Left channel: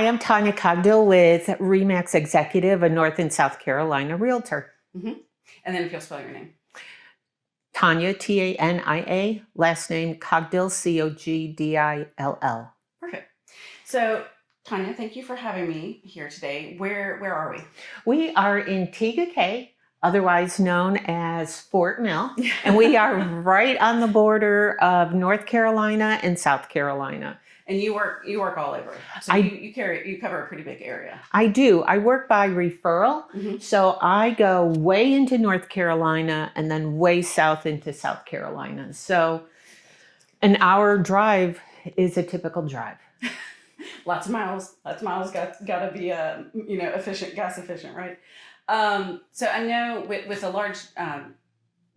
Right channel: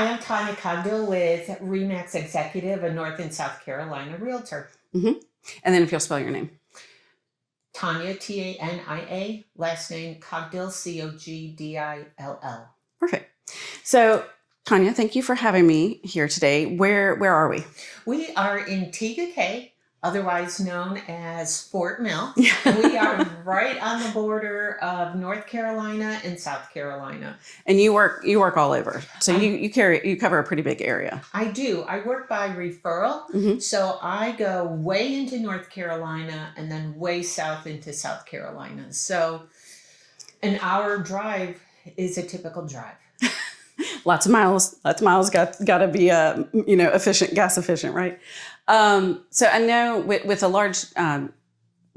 Hi, I'm Tanya Cogdill with Remax Executive, a North and South Carolina realtor. Mm-hmm. And then if you'll spell your name. Tanya, Tania, last name Cogdill, Cogdill. Perfect. So, Tanya, thank you for having me here today. Where are we? We are in Tegakay, otherwise known as Fort Mill, and we are right on the border of North Carolina and South Carolina. And you work all over, so you cover a pretty big area. I do. I work by referral, so I go way into North Carolina and then way south into South Carolina. So an hour drive is a typical drive. Lots of miles. Got to be efficient, gas efficient, right? So I know with a large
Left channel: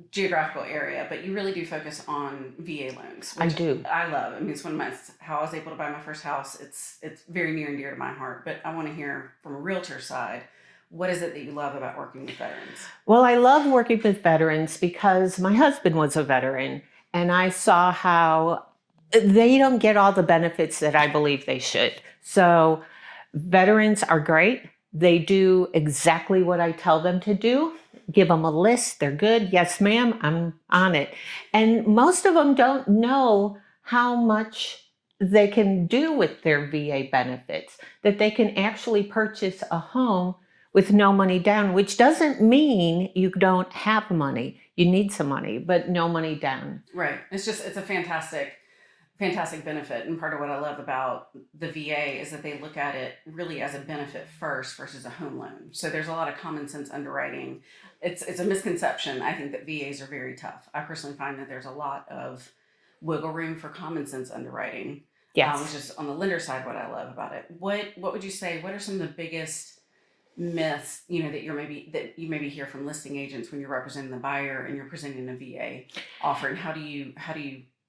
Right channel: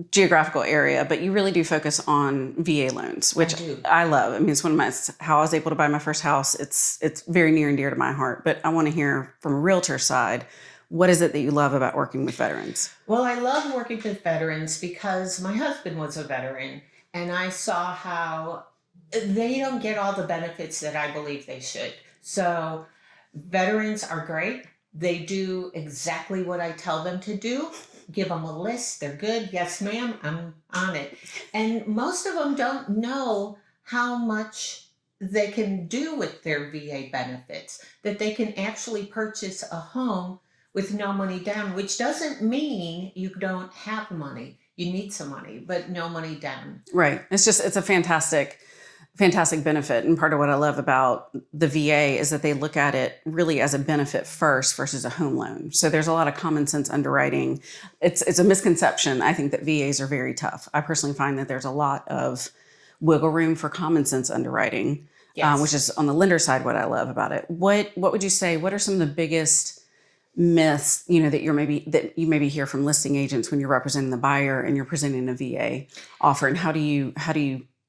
geographical area, but you really do focus on VA loans, which I love. I mean, it's how I was able to buy my first house. It's very near and dear to my heart. But I want to hear from a realtor side, what is it that you love about working with veterans? Well, I love working with veterans because my husband was a veteran, and I saw how they don't get all the benefits that I believe they should. So veterans are great. They do exactly what I tell them to do. Give them a list. They're good. Yes, ma'am, I'm on it. And most of them don't know how much they can do with their VA benefits, that they can actually purchase a home with no money down, which doesn't mean you don't have money. You need some money, but no money down. Right. It's a fantastic benefit. And part of what I love about the VA is that they look at it really as a benefit first versus a home loan. So there's a lot of common sense underwriting. It's a misconception. I think that VAs are very tough. I personally find that there's a lot of wiggle room for common sense underwriting, which is on the lender side what I love about it. What would you say? What are some of the biggest myths, that you maybe hear from listing agents when you're representing the buyer and you're presenting a VA offer, and how do you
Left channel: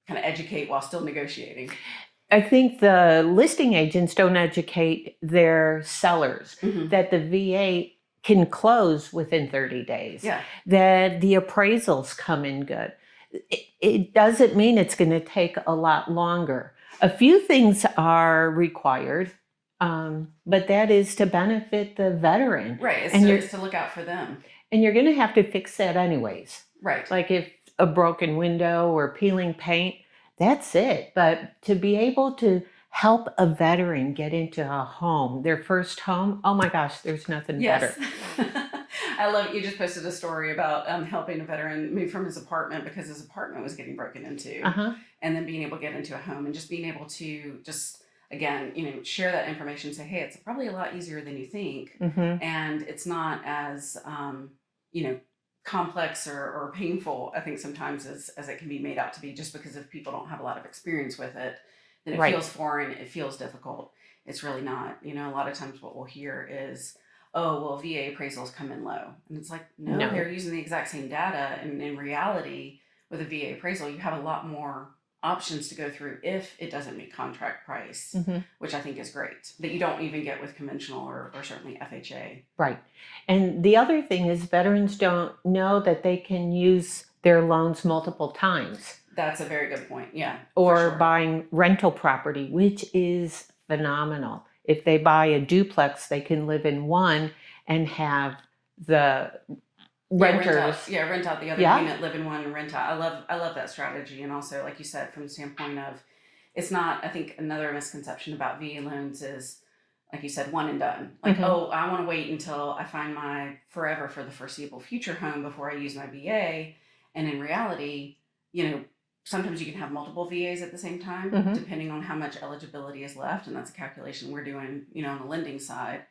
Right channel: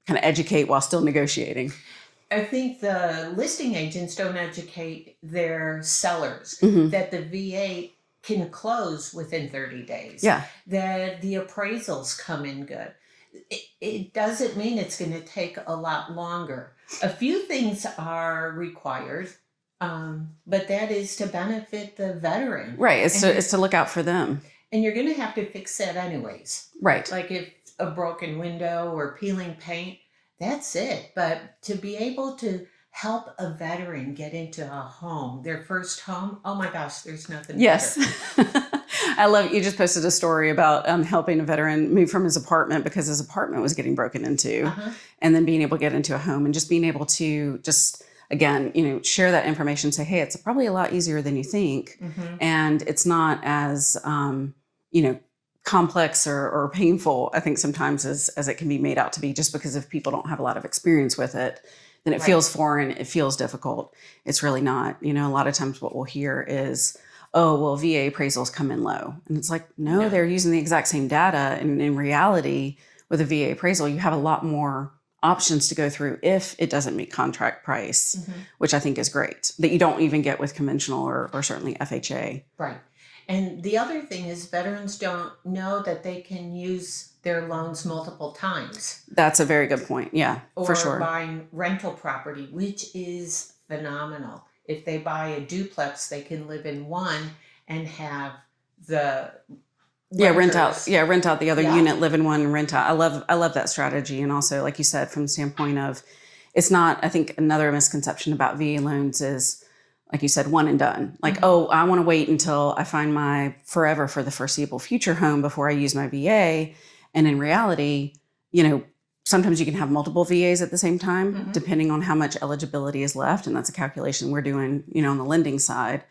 kind of educate while still negotiating? I think the listing agents don't educate their sellers that the VA can close within 30 days. Yeah. That the appraisals come in good. It doesn't mean it's going to take a lot longer. A few things are required, but that is to benefit the veteran. Right. It's to look out for them. And you're going to have to fix that anyways. Right. Like if a broken window or peeling paint, that's it. But to be able to help a veteran get into a home, their first home, oh my gosh, there's nothing better. I love it. You just posted a story about helping a veteran move from his apartment because his apartment was getting broken into, and then being able to get into a home and just being able to again, share that information, say, hey, it's probably a lot easier than you think. And it's not as, complex or painful, I think sometimes as it can be made out to be, just because if people don't have a lot of experience with it, then it feels foreign, it feels difficult. It's really not. A lot of times what we'll hear is, oh, well, VA appraisals come in low. And it's like, no, they're using the exact same data. And in reality, with a VA appraisal, you have a lot more options to go through if it doesn't meet contract price, which I think is great, that you don't even get with conventional or certainly FHA. Right. And the other thing is veterans don't know that they can use their loans multiple times. That's a very good point. Yeah, or for sure. Buying rental property, which is phenomenal. If they buy a duplex, they can live in one and have the rent out the other unit, live in one, and rent out. I love that strategy. And also, like you said, from the standpoint of, it's not, I think another misconception about VA loans is, like you said, one and done. Like, oh, I want to wait until I find my forever for the foreseeable future home before I use my VA. And in reality, sometimes you can have multiple VAs at the same time, depending on how much eligibility is left. And that's a calculation we're doing, on the lending side.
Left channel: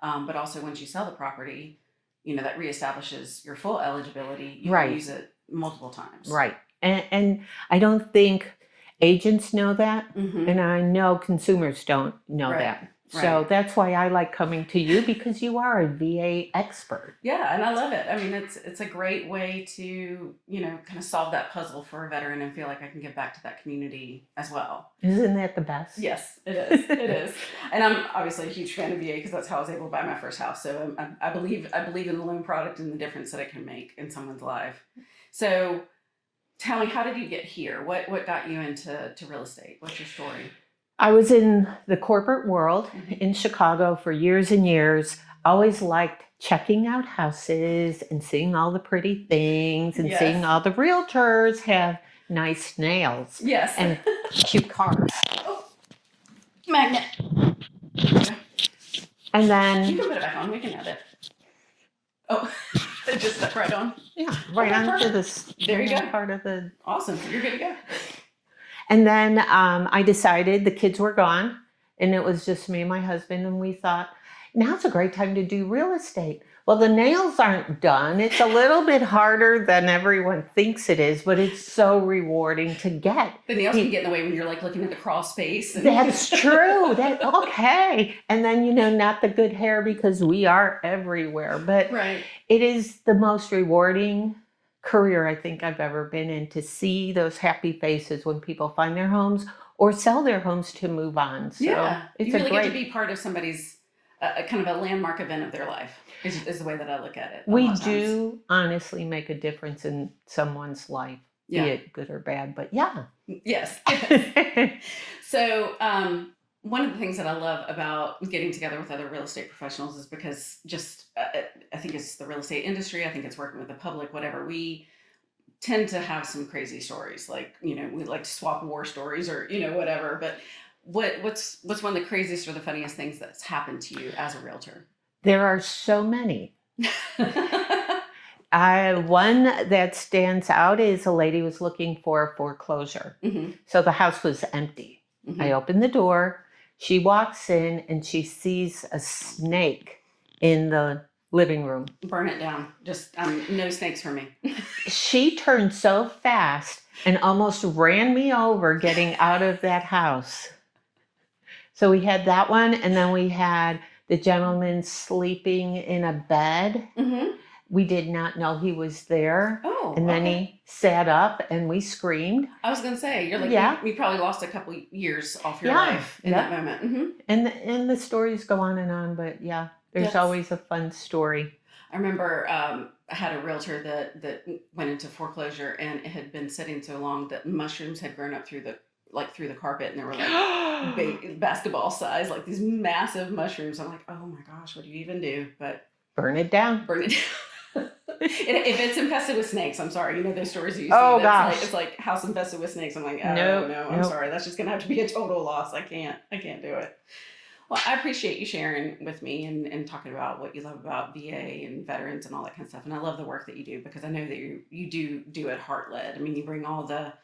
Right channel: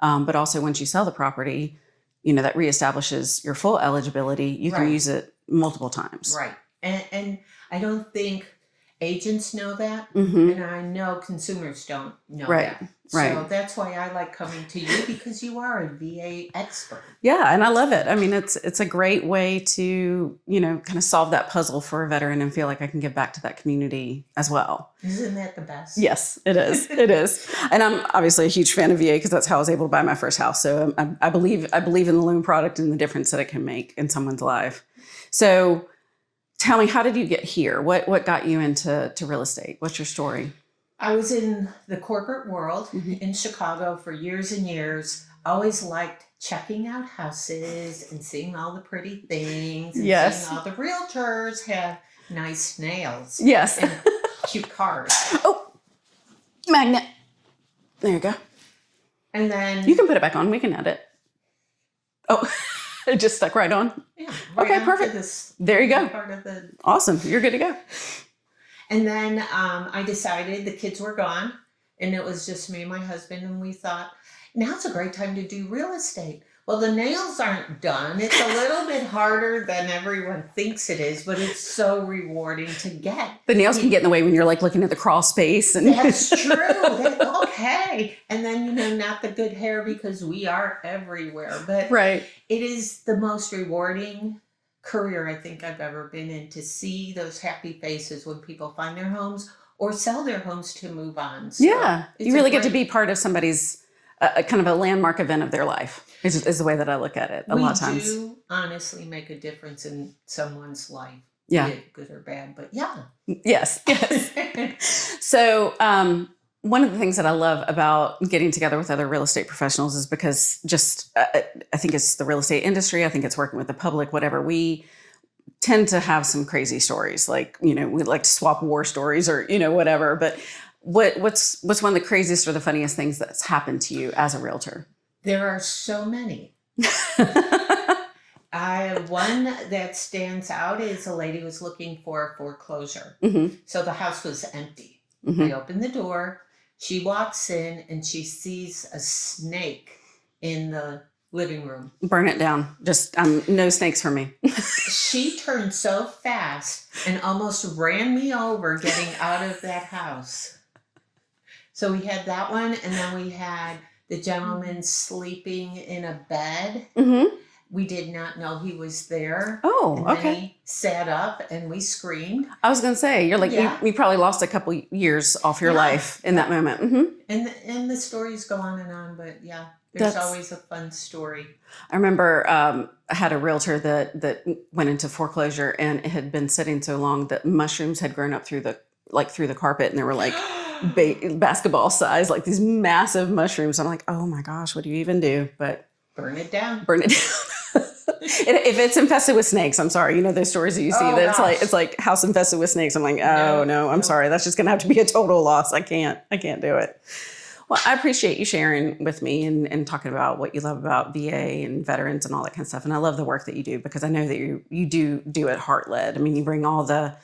But also once you sell the property, that reestablishes your full eligibility. You can use it multiple times. Right. And I don't think agents know that. And I know consumers don't know that. So that's why I like coming to you, because you are a VA expert. Yeah, and I love it. I mean, it's a great way to, kind of solve that puzzle for a veteran and feel like I can give back to that community as well. Isn't that the best? Yes, it is. It is. And I'm obviously a huge fan of VA because that's how I was able to buy my first house. So I believe in the loan product and the difference that it can make in someone's life. So tell me, how did you get here? What got you into real estate? What's your story? I was in the corporate world in Chicago for years and years. Always liked checking out houses and seeing all the pretty things and seeing all the realtors have nice nails. Yes. And cute cars. Oh, magnet. There you go. And then you can put it back on. We can edit. Oh, it just stuck right on. Yeah, right okay, perfect. There you go. Part of the awesome. You're good to go. And then I decided the kids were gone, and it was just me and my husband, and we thought, now's a great time to do real estate. Well, the nails aren't done. It's a little bit harder than everyone thinks it is, but it's so rewarding to get. The nails can get in the way when you're like looking at the crawl space. And that's true. Okay. And then, not the good hair because we are everywhere. But right. It is the most rewarding career I think I've ever been in, to see those happy faces when people find their homes or sell their homes to move on. So yeah. You really get to be part of somebody's kind of a landmark event of their life is the way that I look at it. A lot of times. We do honestly make a difference in someone's life, yeah. be it good or bad, but yeah. Yes. So one of the things that I love about getting together with other real estate professionals is because I think it's the real estate industry. I think it's working with the public, whatever. We tend to have some crazy stories, like, we like to swap war stories or, whatever. But what's one of the craziest or the funniest things that's happened to you as a realtor? There are so many. One that stands out is a lady was looking for a foreclosure. Mm-hmm. So the house was empty. Mm-hmm. I opened the door. She walks in and she sees a snake in the living room. Burn it down. Just no snakes for me. She turned so fast and almost ran me over getting out of that house. So we had that one, and then we had the gentleman sleeping in a bed. Mm-hmm. We did not know he was there. Oh, and then he sat up and we screamed. I was going to say, you're like, we probably lost a couple years off your life in that moment. Mm-hmm. And the stories go on, but yeah, there's always a fun story. I remember I had a realtor that went into foreclosure, and it had been sitting so long that mushrooms had grown up through the carpet, and they were like basketball size, like these massive mushrooms. I'm like, oh my gosh, what do you even do? But burn it down. Burn it down. If it's infested with snakes, I'm sorry. Those stories that you see, it's like house infested with snakes. I'm like, no, I'm sorry. That's just going to have to be a total loss. I can't do it. Well, I appreciate you sharing with me and talking about what you love about VA and veterans and all that kind of stuff. And I love the work that you do, because I know that you do it heart-led. I mean, you bring all the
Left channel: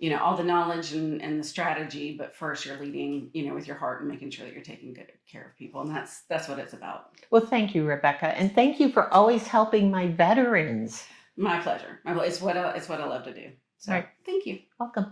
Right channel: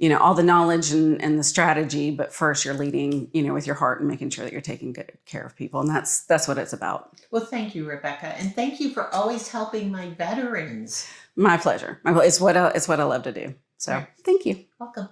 knowledge and the strategy, but first you're leading, with your heart and making sure that you're taking good care of people. And that's what it's about. Well, thank you, Rebecca. And thank you for always helping my veterans. My pleasure. It's what I love to do. So Thank you. Welcome.